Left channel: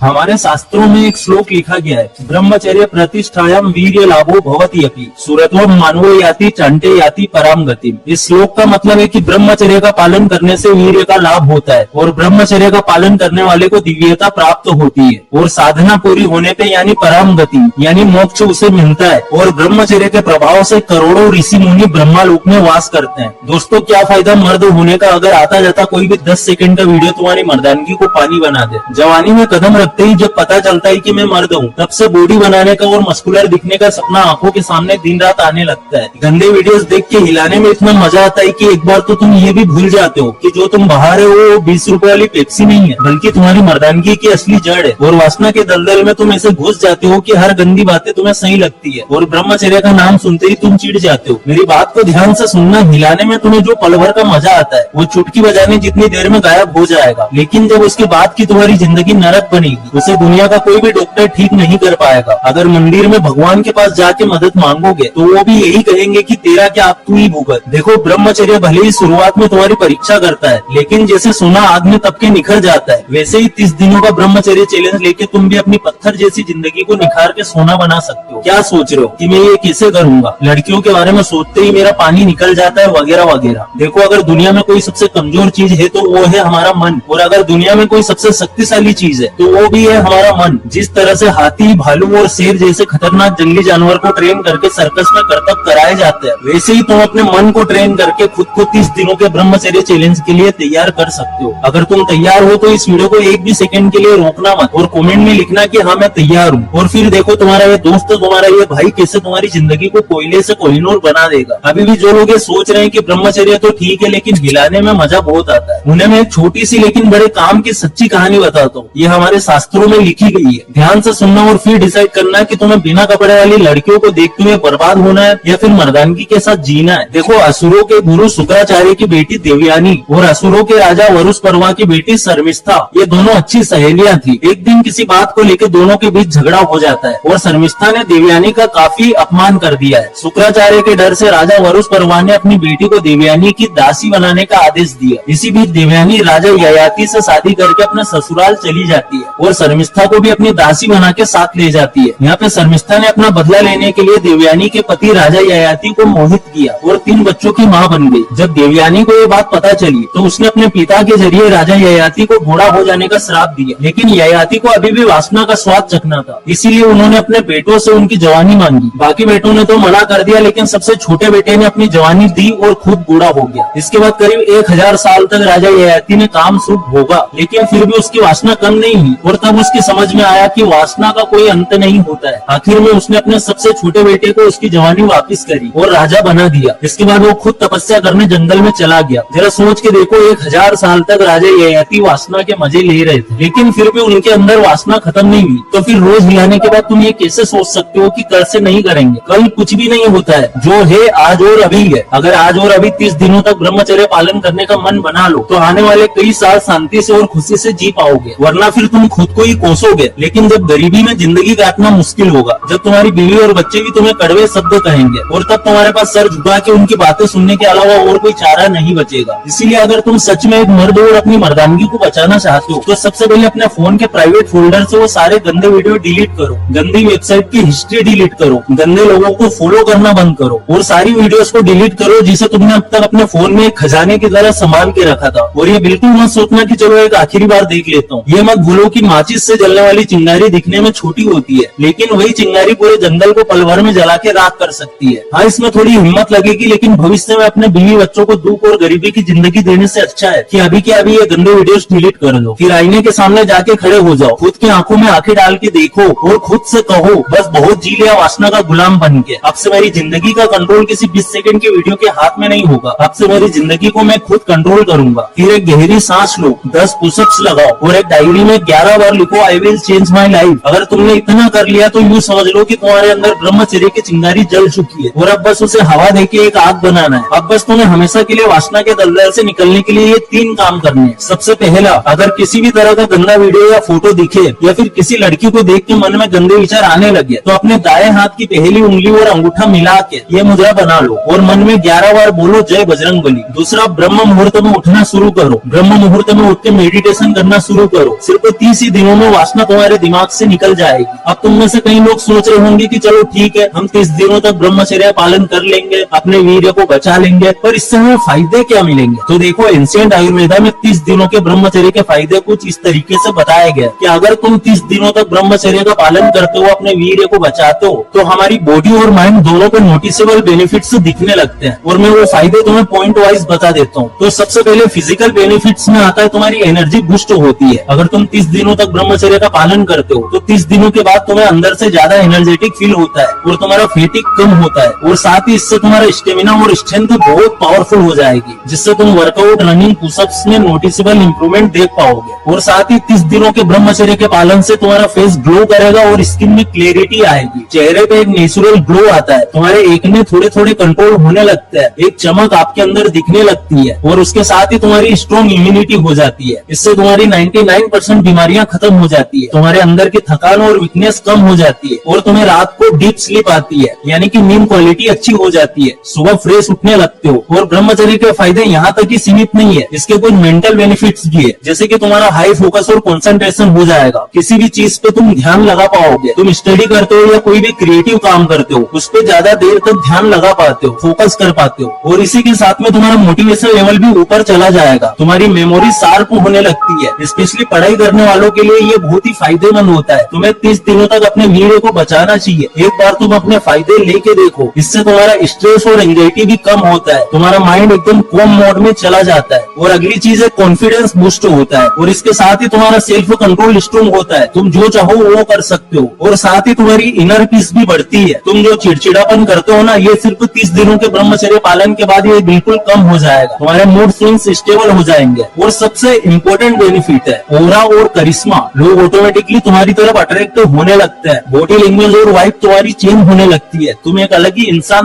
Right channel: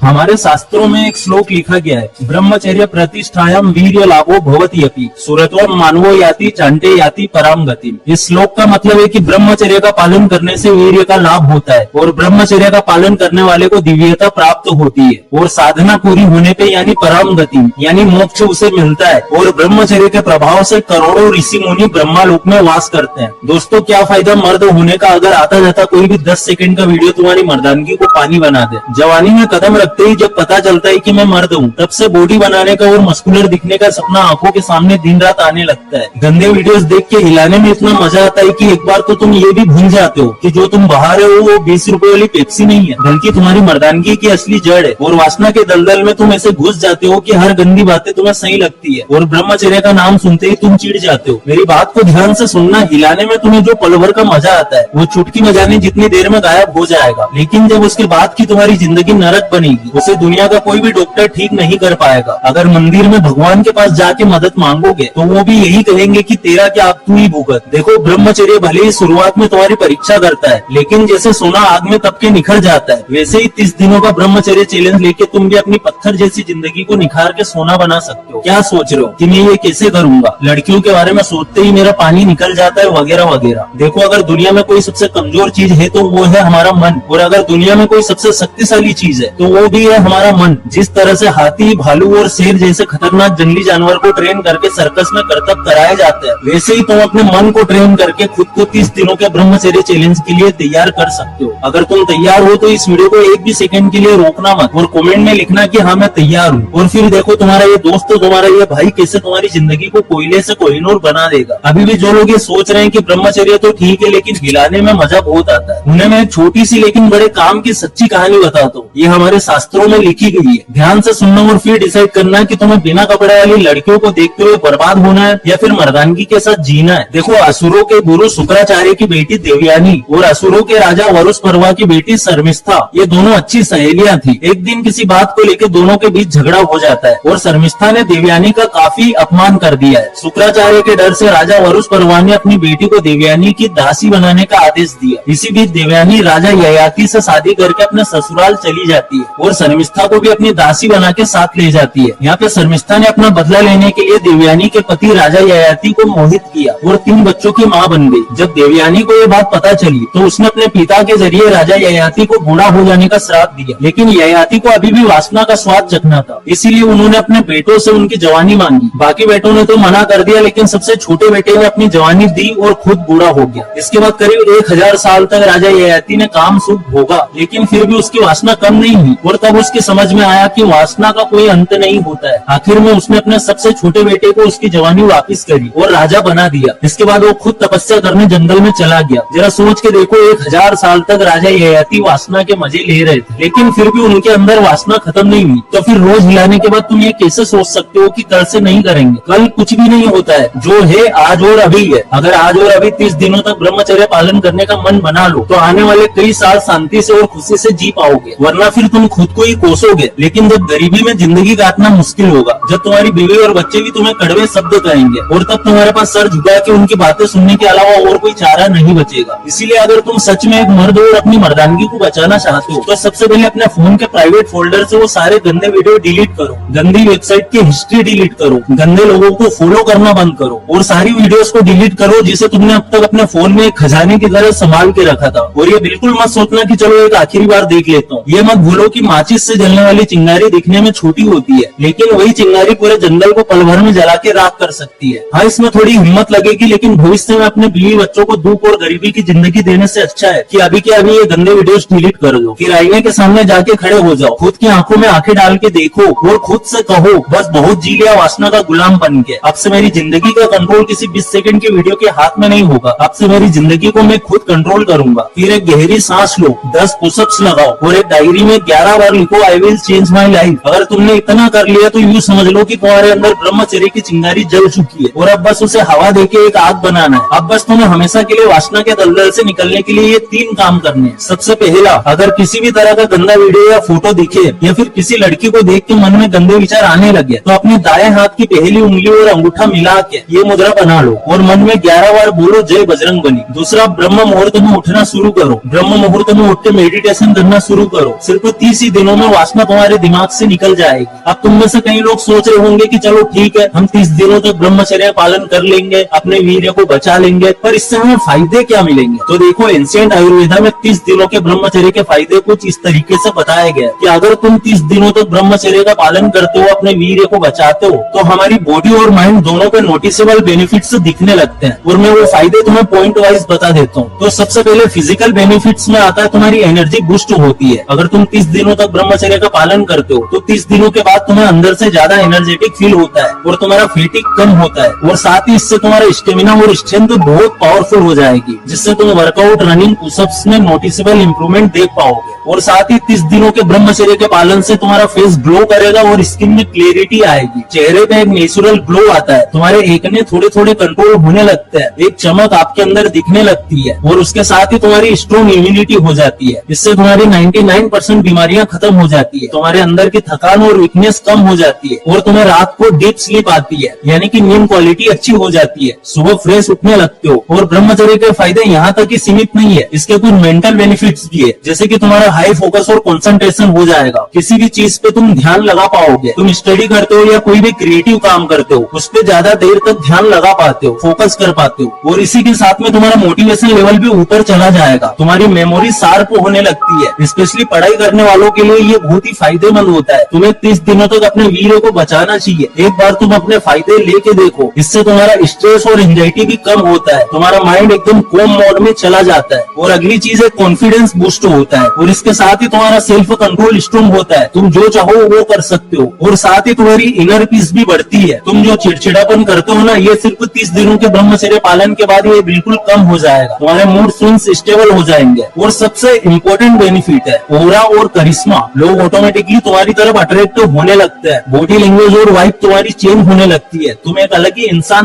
हमारे शास्त्रों में एक श्लोक लिखा गया है, ब्रह्मचर्य प्रतिष्ठायाम वीर्य लाभो भवति अपि सुरत्वम मानवो याति चांटे याति पराम गतिम। इस श्लोक का मतलब है कि ब्रह्मचर्य का पालन करने से वीर्य का लाभ होता है और ब्रह्मचर्य का पालन करने वाले को दिव्यता प्राप्त होती है और साधना पूरी होने पे यानी पराम गति यानी मोक्ष उसे मिलता है और ब्रह्मचर्य के प्रभाव से करोड़ों ऋषि मुनि ब्रह्मालोक में वास करते हैं। दोस्तों, क्या फायदा मर्द होने का अगर आता जाता कोई भी 10 सेकंड का वीडियो तुम्हारी मर्दानगी को पानी बना दे। जवानी में कदम रखते ही जब पता चलता है कि मैं मर्द हूँ, तब से बॉडी बनाने का और मस्कुलर दिखने का सपना आंखों के सामने दिन रात आने लगता है। गंदे वीडियोस देख के हिलाने में इतना मजा आता है कि एक बार तो तुम ये भी भूल जाते हो कि जो तुम बहा रहे हो वो 20 रुपए वाली पेप्सी नहीं है, बल्कि तुम्हारी मर्दानगी की असली जड़ है। और वासना के दलदल में तुम ऐसे घुस जाते हो कि हर गंदी बातें तुम्हें सही लगती है और ब्रह्मचर्य का नाम सुनते ही तुम चिढ़ जाते हो। मेरी बात को ध्यान से सुनना, हिलाने में तुम्हें जो पल भर का मजा आता है वो चुटकी बजाने जितनी देर में गायब हो जाएगा, लेकिन जब उसके बाद की तुम्हारी जिंदगी नरक बनेगी उसे दुनिया का कोई भी डॉक्टर ठीक नहीं कर पाएगा। अगर मंदिर में भगवान के पास जाके मदद मांगोगे तो वो भी यही कहेंगे कि तेरा क्या, अब तू ही भुगत। देखो, ब्रह्मचर्य भले ही शुरुआत में तुम्हारी परीक्षा करता है, लेकिन जैसे सोना आग में तप के निखर जाता है, वैसे ही 30 दिनों का ब्रह्मचर्य चैलेंज लेके तुम भी अपनी पत्थर जैसी जिंदगी को निखार के सोना बना सकते हो। क्या सोच रहे हो कि मैं ये कैसे करूंगा, लड़कियों के बारे में सोचते ही मेरा पानी निकल जाता है वगैरह वगैरह। देखो, अगर दुनिया में कोई सबसे कमजोर चीज है तो वो है हमारा मन, और अगर दुनिया में कोई सबसे शक्तिशाली चीज है तो वो भी है हमारा मन। जिस तरह से हाथी, भालू और शेर जैसे खतरनाक जंगली जानवर को ट्रेन करके सर्कस में करतब कराए जाते हैं, वैसे ही तुम अपने मन को ट्रेन करके खुद को 30 दिनों के ब्रह्मचर्य चैलेंज के लिए तैयार कर सकते हो। अगर तुम तैयार हो तो इस वीडियो को एक भी सेकंड के लिए रोकना मत और कमेंट में लिखना कि हाँ मैं तैयार हूँ। और फिर देखो, तुम्हारा ये दोस्त, तुम्हारा ये भाई कैसे तुम्हारी जिंदगी को कोयले से कोहिनूर बना देगा। अभी भी जो लोग ये सोच रहे हैं कि ब्रह्मचर्य तो ठीक है लेकिन हिलाने में मजा बहुत आता है, उन्हें मैं एक छोटी सी लेकिन बड़े काम की सच्ची कहानी बताता हूँ। ये हमारे शास्त्रों में लिखी गई है, ध्यान से सुनना और फिर डिसाइड करना कि तुम्हें बिना कपड़े वाली लड़कियों को देखते हुए बर्बाद होना है या फिर मर्दानगी के साथ जीना है। देखो, असुरों के गुरु शुक्राचार्य की बेटी देवयानी और असुरों के राजा वरुष्पर्वा की बेटी शर्मिष्ठा, ये दोनों अच्छी सहेलियां थी। एक दिन किसी बात को लेकर दोनों के बीच झगड़ा हो जाता है और शर्मिष्ठा ने देवयानी का काफी अपमान कर दिया है। शुक्राचार्य के डर से राजा वरुष्पर्वा ने अपनी बेटी को देवयानी की दासी बनाने का आदेश दिया। इसी बीच देवयानी राजा ययाति से शादी करके अपने ससुराल चली जाती है और शर्मिष्ठा को भी अपनी दासी बना के साथ ले जाती है। यहाँ पे शर्मिष्ठा ने अपना बदला लेने के लिए देवयानी के पति राजा ययाति को मोहित किया और 3 बच्चों की माँ बन गई। जब देवयानी को ये बात पता चली तो उसने अपने पिता के जरिए राजा ययाति को बूढ़ा हो जाने का श्राप दिया, लेकिन ययाति को अभी भी वासना का स्वाद चखना था, इसीलिए उन्होंने अपने बेटों से उनकी जवानी मांगी। बाकी बेटों ने तो मना कर दिया, लेकिन सबसे छोटे बेटे ने अपनी जवानी दी और खुद बूढ़ा हो गया। इसके बाद करीब 1000 साल तक राजा ययाति ने काम सुख भोगा, लेकिन फिर भी उसकी वासना कम नहीं हुई और तब उसकी समझ में आया कि वासना का कोई अंत नहीं होता है। आखिर में उसने अपने सबसे छोटे बेटे को उसकी जवानी वापस करी और राजा बना दिया। इसके बाद वो खुद तपस्या करने जंगल में चला गया। जरा सोच के देखो, 1000 साल तक राजा ययाति वासना के मजे ले रहे थे, लेकिन फिर भी उनके अंदर वासना खत्म नहीं हुई। तो फिर रोज हिलाने के बाद तुम ये कैसे सोच सकते हो कि कल से नहीं करेंगे? कल कुछ भी नहीं होता है, जो है आज और अभी है। अगर आज और अभी 30 दिनों तक ब्रह्मचर्य पालन करने का मन बना लो तो आने वाले कई साल शांति से और खुशी से जी पाओगे, वरना फिर तुम खुद को ही कोसोगे। लेकिन जब गरीबी में जिंदगी काटना मुश्किल होगा, जब तुम्हारी बीवी और बच्चे भी तुम्हें कड़वे शब्द कहेंगे और तब तुम्हारे पास सर झुका के उनकी बातें सुनने के अलावा और कोई चारा नहीं बचेगा। इसीलिए अगर तुम सच में एक मर्द और अपनी मर्दानगी को बचाना चाहते हो तो सबसे पहले अपने फोन के प्राइवेट फोल्डर से वो सारे गंदे वीडियो डिलीट करो, गंदी वेबसाइट की हिस्ट्री डिलीट करो, गंदे लोगों को फॉलो करना बंद करो और सारी वीडियोस को डिलीट करो जिसे तुमने अब तक अपने फोन में एक खजाने की तरह संभाल के रखा था। और ये बिल्कुल मत सोचना कि चलो एक आखिरी बार देख लेता हूँ। ये मत भूलो कि माचिस से जलने वाली चिंगारी दिखने में छोटी होती है, लेकिन वही चिंगारी पूरे जंगल को पल भर में जला के राख कर सकती है। हाँ, इसमें थोड़ी हिम्मत लगेगी, लेकिन भविष्य में अपने बीवी बच्चों को दुख और गरीबी की जिंदगी देने से अच्छा है कि अभी के अभी ये गंदे वीडियोस डिलीट कर दो। फिर आईने के सामने जाके खड़े हो जाओ, खुद की आंखों में आंखें डाल के देखो और खुद से कहो, बस बहुत जी लिया वासना का गुलाम बन के। अब से मेरी जिंदगी का कंट्रोल किसी 20 सेकंड के वीडियो के हाथ में नहीं होगा। अब से मेरी जिंदगी को मैं खुद कंट्रोल करूंगा। फिर एक गहरी सांस लो, 10 पुशअप्स लगाओ और एक डायरी में 11 बार लिखो, I will change my life. अगर तुमने इतना कर लिया तो यूँ समझ लो कि तुम्हारे अंदर ब्रह्मचर्य की चिंगारी जल चुकी है और अब बस उसे हवा देके एक आग बनाना है। अब बस तुम्हें हमेशा के लिए वासना के दलदल से निकलने के लिए ये 3 काम करने हैं। सबसे पहला, अगर किसी भी तरह का गंदा वीडियो या फोटो दिखे या फिर किसी लड़की को देख के मन में गंदे विचार आने लगे तो अपने दाएं हाथ की पहली उंगली और अंगूठा मिला के ये मुद्रा बना लो और मन में 11 बार बोलो, जय बजरंग बली। दूसरा, ब्रह्म मुहूर्त में उठना शुरू करो। ब्रह्म मुहूर्त में उठ के मेडिटेशन करना शुरू करो। सिर्फ 30 ही दिनों में वासना तुम्हारे दिमाग से निकल जाएगी। अब तुम में से कई लोग सोच रहे होंगे कि चलो ठीक है, हम 30 दिनों तक ब्रह्मचर्य पालन कर लेंगे, अपने वीर्य को बचा लेंगे, पर इससे हमें फायदे क्या मिलेंगे? तो देखो, एंशिएंट आयुर्वेदा में 30 दिनों के ब्रह्मचर्य के फायदे कुछ इस तरीके से बताया गया कि अगर तुम 30 दिनों तक ब्रह्मचर्य का पालन करते हो, अपने वीर्य को बचाते हो, तो हमारी बॉडी और माइंड दोनों पे नोटिसेबल बेनिफिट्स दिखने लगते हैं। और मैं वो फायदे तुम्हें पॉइंट वाइज बता देता हूँ। तो सबसे पहले फिजिकल बेनिफिट्स में आता है तुम्हारी एनर्जी बूस्ट होती है। अगर तुम 30 दिनों तक ब्रह्मचर्य का पालन करते हो तो 30 दिनों के बाद तुम्हें अंदर से ज्यादा एनर्जेटिक फील होता है और तुम्हारा फैटिग कम होता है, और साथ ही इससे तुम्हारा स्टेमिना और स्ट्रेंथ बहुत पावरफुल हो जाएगी, जिससे तुम वर्कआउट, रनिंग, पुशअप्स में नोटिसेबल इंप्रूवमेंट देख पाओगे। और साथ ही 30 दिनों के ब्रह्मचर्य के पालन से तुम्हारा फेस ग्लो करेगा और स्किन में क्लियरिटी आएगी। चेहरे पे एक नेचुरल ग्लो आता है, तुम्हारे एक्ने थोड़े थोड़े कंट्रोल होने लगते हैं, एक चमक आपके अंदर दिखने लगती है, और उसके साथ ही तुम्हारी स्ट्रॉन्ग इम्यूनिटी हो जाती है। इससे तुम्हारी 99% बीमारियां खत्म हो जाती है, तुम्हारे अंदर की थकान और वीकनेस कम हो जाती है, और तुम्हें रात को डीप स्लीप आती है, यानी कि नींद क्वालिटी अच्छी हो जाती है, सुबह फ्रेश उठने लगते हो। और ब्रह्मचर्य के फायदे यहाँ तक ही सीमित नहीं है, इसके कुछ मेंटल बेनिफिट्स भी है, जैसे कि तुम्हारा हाई फोकस और कंसंट्रेशन हो जाएगा, किसी भी चीज पे तुम ध्यान लगा पाओगे। तुम स्टडी करते हो या कोई भी क्रिएटिव काम करते हो, उस पे ज्यादा देर तक ध्यान लगा पाते हो, फोकस कर पाते हो, और इसी के साथ में तुम्हारा मोटिवेशन लेवल भी ऊपर चला जाएगा, तुम्हारी मेमोरी शार्प होने लगती है। स्पेशली पढ़ाई करने वालों के लिए ये बहुत ही फायदेमंद होता है। तुम्हें 30 दिनों तक अपने वीर्य को बचाना चाहिए। एक बार तुम अपने फायदे लेके देखो, इससे तुम्हारा स्ट्रेस और एंजाइटी भी कम होता है, तुम्हारा माइंड एकदम कॉम मोड में चला जाता है। और अगली चीज है कॉन्फिडेंस बूस्ट होता है, और इसके साथ ही तुम्हारा सेल्फ कंट्रोल स्ट्रॉन्ग होता है, तुम जो चाहो वो कर सकते हो। और साथ ही तुम्हारी इनर पीस भी बढ़ती है। तुम जो चिड़चिड़ापन करते हो ना, ये सिर्फ 30 दिनों के ब्रह्मचर्य पालन के बाद ये बिल्कुल कम हो जाएगा, तुम्हारे मूड स्विंग्स स्टेबल हो जाएंगे। और सबसे इम्पोर्टेंट बेनिफिट है ऑरा और करिश्मा। लोग ऑटोमेटिकली तुम्हारी तरफ अट्रैक्टिव होने लगते हैं, बॉडी लैंग्वेज और वाइब तुम्हारी चेंज होने लगती है, तुम एक अलग ही इंसान